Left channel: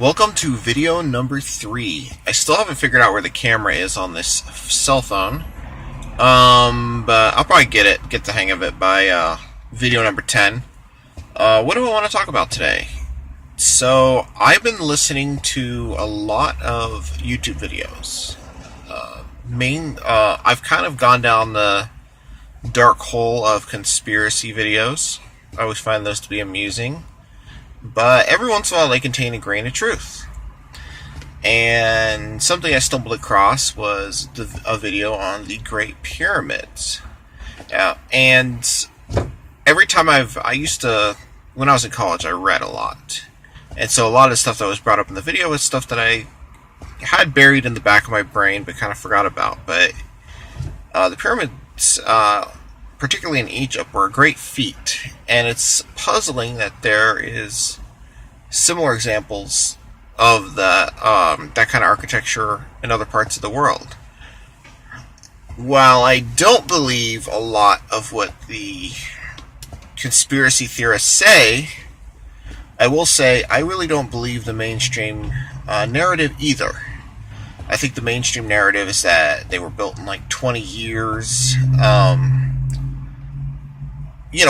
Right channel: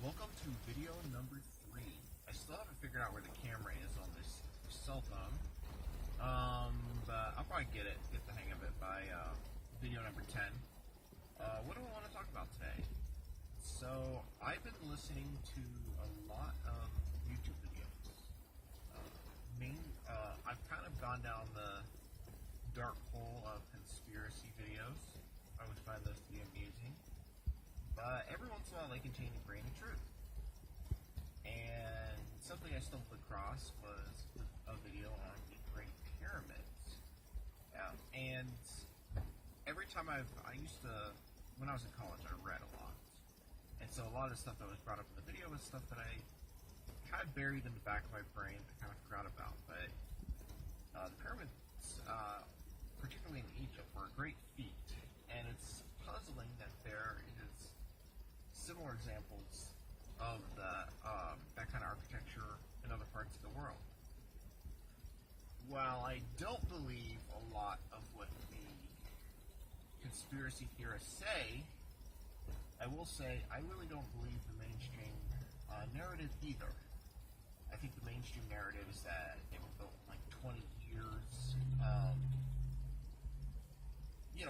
Welcome to video number 3. I still haven't figured out where the camera is on this cell phone. But I'll probably get the hang of it by video number 10. What do I want to talk about today? So, I've been listening to a lot of YouTube videos. I've kind of gone down the dark hole of conspiracy videos. I always find those to be amusing. But every once in a while they contain a grain of truth. And something I stumbled across was a video on the Great Pyramids. And every time when I was in college, I read a lot. And so a lot of the stuff that was brought up in the video was stuff that I had buried in the back of my brain but kind of forgot about. But the pyramids, particularly in Egypt, were a great feat. And it's puzzling that there is similar examples of that kind of architecture in other parts of the world. While I don't believe a lot of what the conspiracy theorists say, I will say I really don't believe the mainstream narrative either. I think the mainstream narrative is that they were built in like 20 years,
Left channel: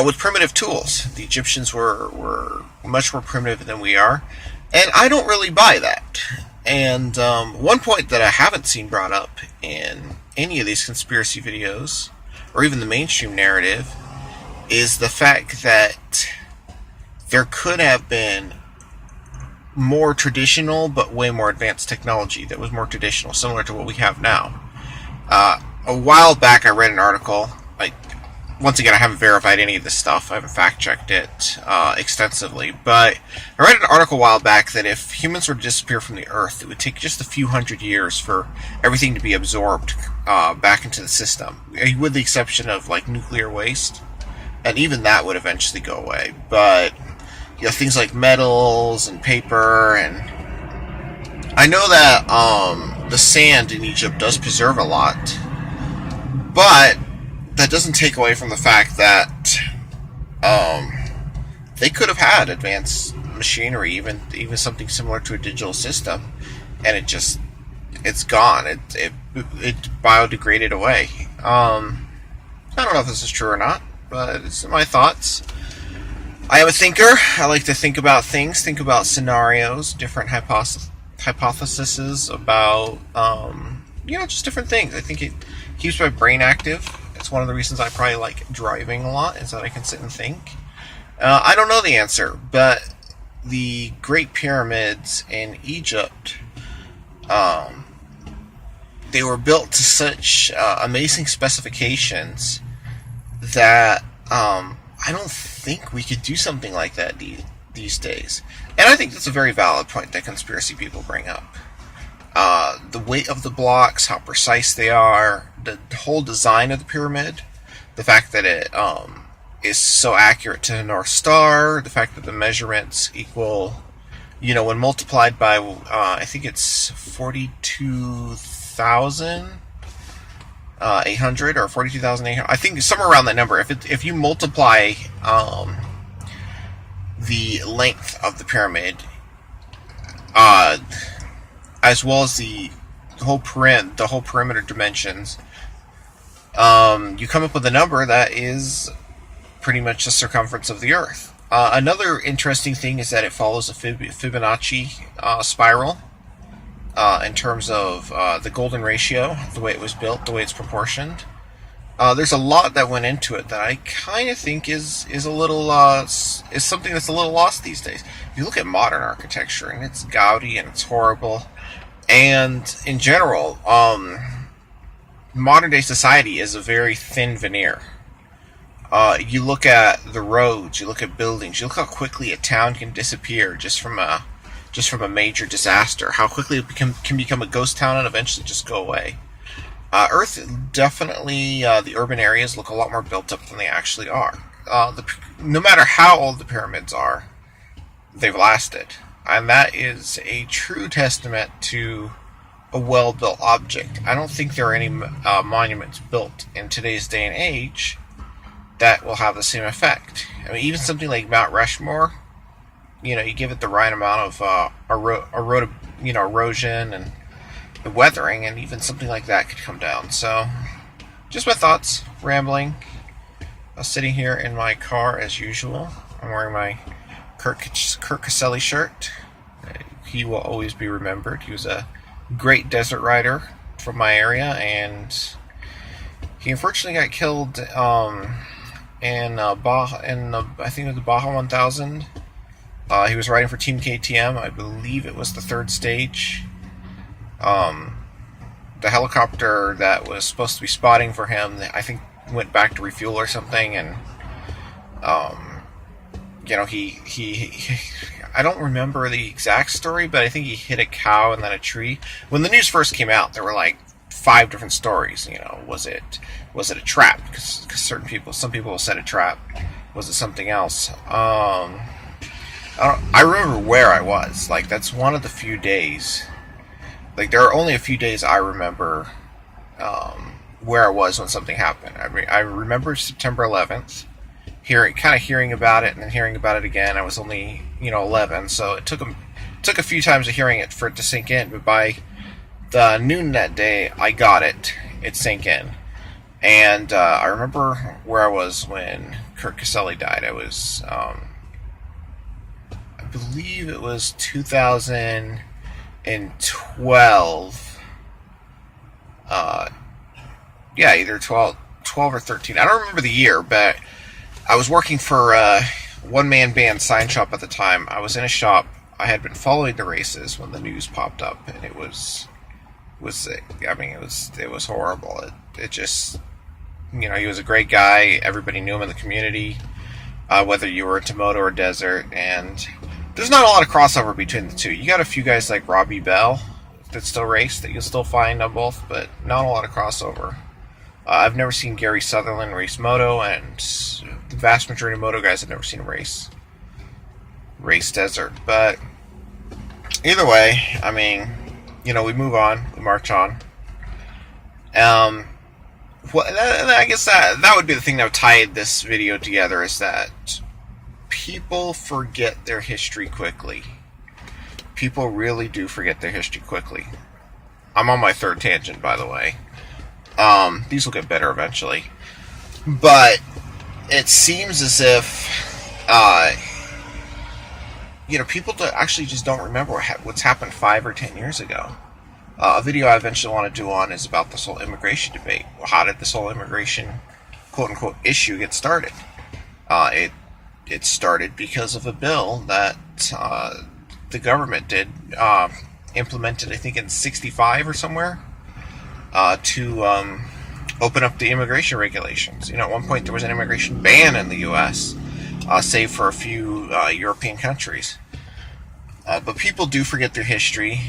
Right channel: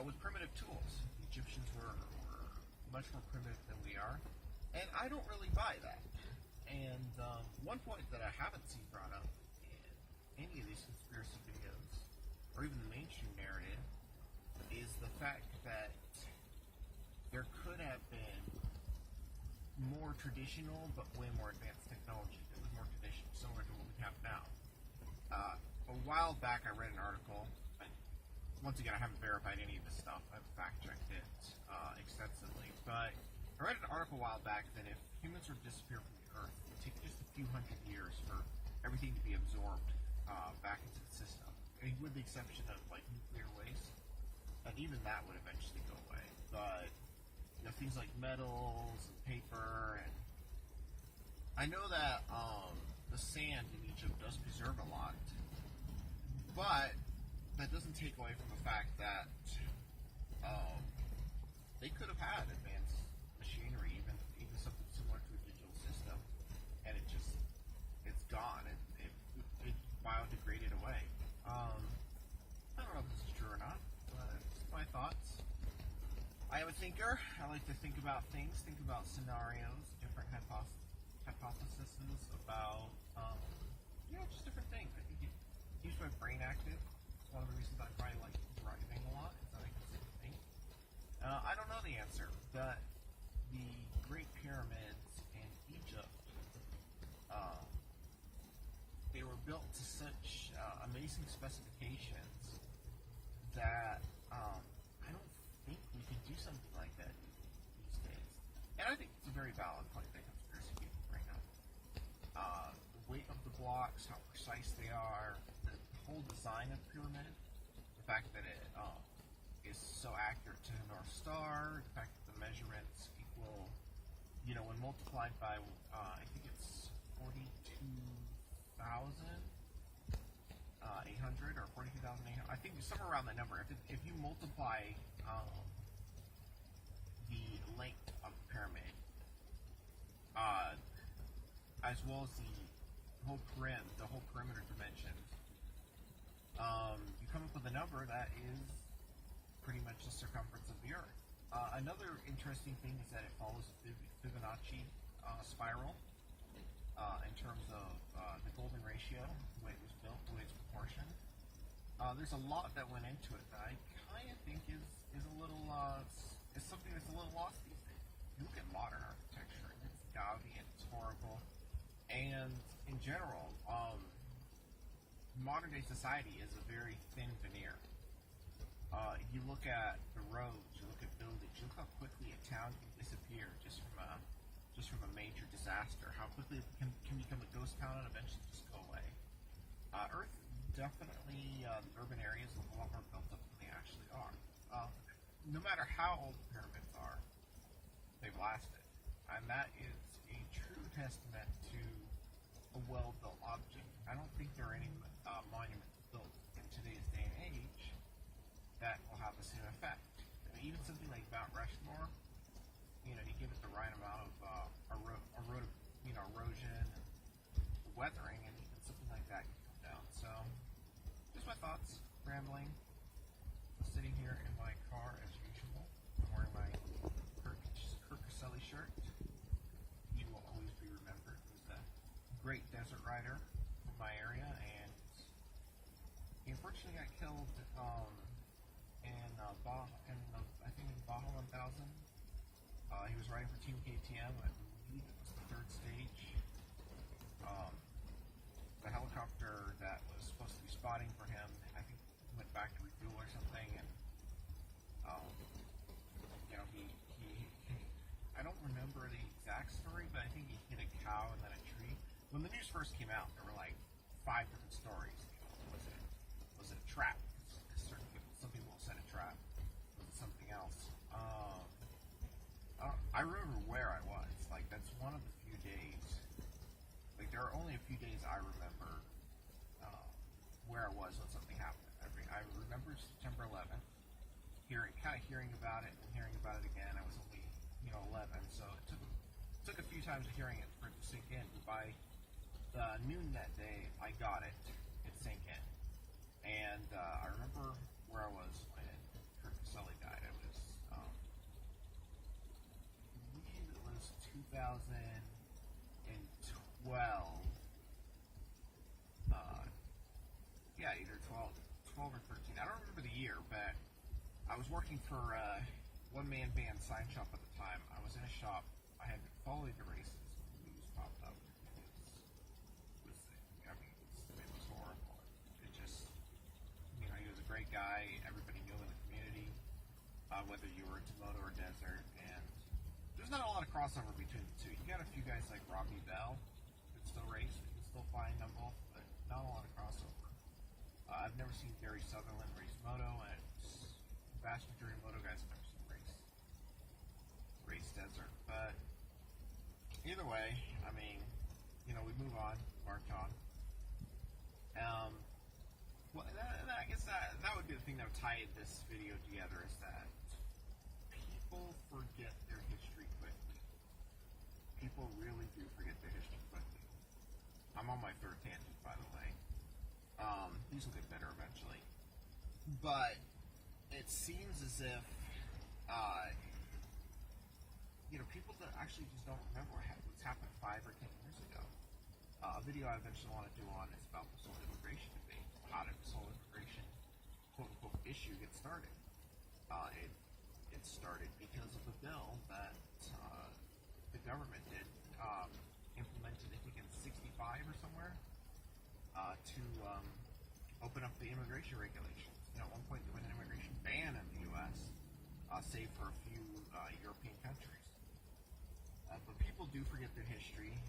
with primitive tools. The Egyptians were much more primitive than we are, and I don't really buy that. And one point that I haven't seen brought up in any of these conspiracy videos, or even the mainstream narrative, is the fact that there could have been more traditional but way more advanced technology that was more traditional, similar to what we have now. A while back I read an article. Once again, I haven't verified any of this stuff. I haven't fact-checked it extensively. But I read an article a while back that if humans were to disappear from the Earth, it would take just a few hundred years for everything to be absorbed back into the system, with the exception of like nuclear waste. And even that would eventually go away. But things like metals and paper, and I know that the sand in Egypt does preserve a lot, but that doesn't take away from the fact that they could have had advanced machinery, even something similar to a digital system, and it's gone. It biodegraded away. I don't know if this is true or not, but it's my thoughts. I am a thinker. I like to think about things, think about scenarios, different hypotheses about just different things. I think it keeps my brain active. It's one of the reasons I probably like driving a lot, is that I can sit and think. I don't know the answer, but the Great Pyramids in Egypt, they were built to such amazing specifications that I don't think we could do something like that these days. And I think that's a very valid point that conspiracy people bring up. The weight of the blocks, how precise they are, the whole design of the pyramid, the fact that it is so accurate to the North Star, the fact that the measurements equal, when multiplied by, I think it's 42,800 or 42,800. I think somewhere around that number. If you multiply the length of the pyramid, as well as the whole perimeter dimensions, you come up with a number that is pretty much the circumference of the Earth. Another interesting thing is that it follows a Fibonacci spiral in terms of the golden ratio, the way it was built, the way it's proportioned. There's a lot that went into it that I kind of think is a little is something that's a little lost these days. You look at modern architecture, and it's gaudy and it's horrible. And in general, modern day society is a very thin veneer. You look at the roads, you look at buildings, you look how quickly a town can disappear just from a major disaster. How quickly it can become a ghost town and eventually just go away. Earth definitely, the urban areas look a lot more built up than they actually are. No matter how old the pyramids are, they've lasted. And that is a true testament to a well-built object. I don't think there are any monuments built in today's day and age that will have the same effect. I mean, even something like Mount Rushmore, you give it the right amount of erosion and the weathering, and even something like that could come down. So, just my thoughts, rambling. I was sitting here in my car as usual. I'm wearing my Kurt Caselli shirt. He will always be remembered. He was a great desert rider from my area, and he unfortunately got killed in I think it was the Baja 1000. He was riding for Team KTM. I believe it was the third stage. The helicopter that was supposed to be spotting for him, I think, went back to refuel or something, and he I don't remember the exact story, but I think he hit a cow and then a tree. When the news first came out, there were like 5 different stories. Was it a trap? Because some people said a trap. Was it something else? I remember where I was. Like, that's one of the few days. Like, there are only a few days I remember where I was when something happened. I remember September 11th, hearing about it and then hearing about it again. I was only 11, so it took a few times of hearing it for it to sink in. But by the noon that day, I got it. It sank in, and I remember where I was when Kurt Caselli died. I was, I believe it was 2012. Yeah, either 12 or 13. I don't remember the year, but I was working for a one-man band sign shop at the time. I was in a shop. I had been following the races when the news popped up, and it was horrible. It just, he was a great guy. Everybody knew him in the community, whether you were into moto or desert, and there's not a lot of crossover between the two. You got a few guys like Robbie Bell that still race that you'll still find on both, but not a lot of crossover. I've never seen Gary Sutherland race moto, and the vast majority of moto guys I've never seen him race desert. But either way, we move on, we march on. I guess that would be the thing that would tie this video together, is that people forget their history quickly. People really do forget their history quickly. I'm on my 3rd tangent, by the way. These will get better eventually. But it seems as if, people actually just don't remember what's happened 5 or 10 years ago. A video I eventually want to do on is about this whole immigration debate. How did this whole immigration, quote-unquote, issue get started? It started because of a bill that the government did, implemented, I think, in 65 or somewhere, to open up the immigration regulations. At one point there was an immigration ban in the U.S., save for a few European countries. But people do forget their history,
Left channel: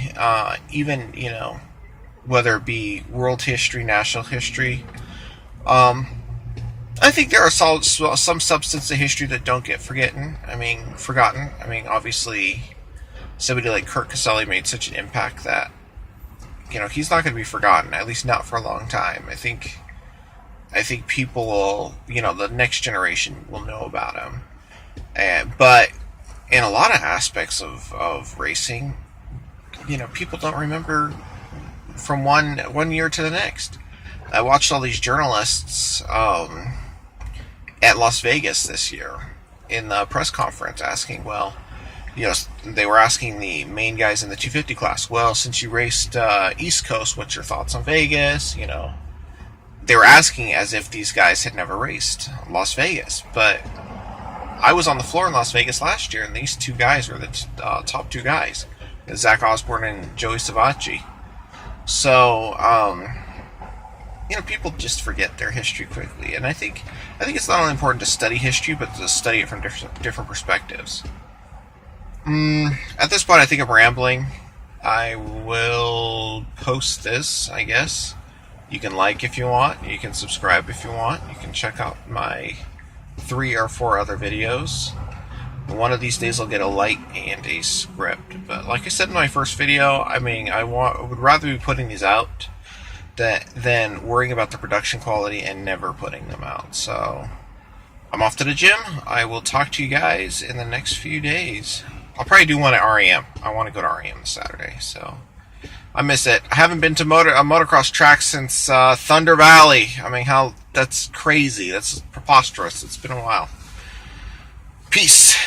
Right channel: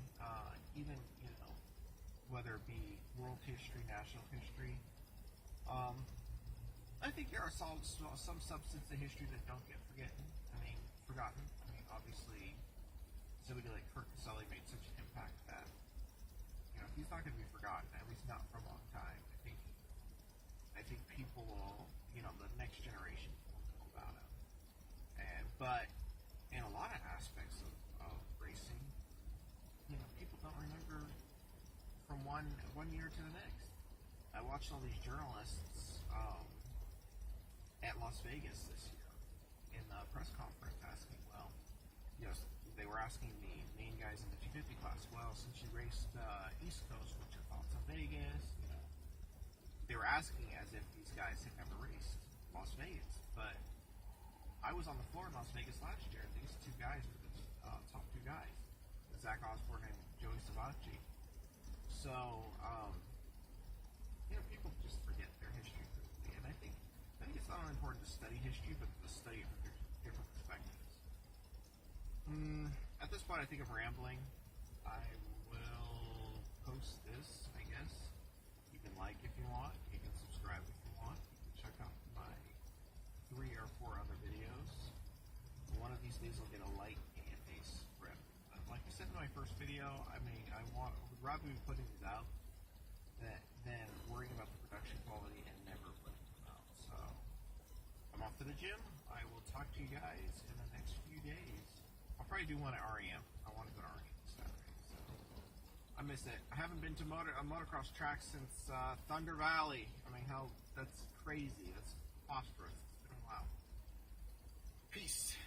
even, whether it be world history, national history. I think there are some substance of history that don't get forgotten. Obviously, somebody like Kurt Caselli made such an impact that, he's not going to be forgotten, at least not for a long time. I think people will, the next generation will know about him. But in a lot of aspects of racing, people don't remember from one year to the next. I watched all these journalists at Las Vegas this year in the press conference asking, they were asking the main guys in the 250 class, well, since you raced East Coast, what's your thoughts on Vegas? They were asking as if these guys had never raced Las Vegas. But I was on the floor in Las Vegas last year, and these 2 guys were the top 2 guys, Zach Osborne and Joey Savacci. So, people just forget their history quickly, and I think it's not only important to study history, but to study it from different perspectives. At this point, I think I'm rambling. I will post this, I guess. You can like if you want. You can subscribe if you want. You can check out my 3 or 4 other videos. One of these days I'll get a light and a script. But like I said in my first video, I would rather be putting these out than worrying about the production quality and never putting them out. So I'm off to the gym. I will talk to you guys in the next few days. I'll probably do one at REM. I want to go to REM this Saturday, so I miss it. I haven't been to a motocross track since Thunder Valley. I mean, that's crazy. That's preposterous. It's been a while. Peace.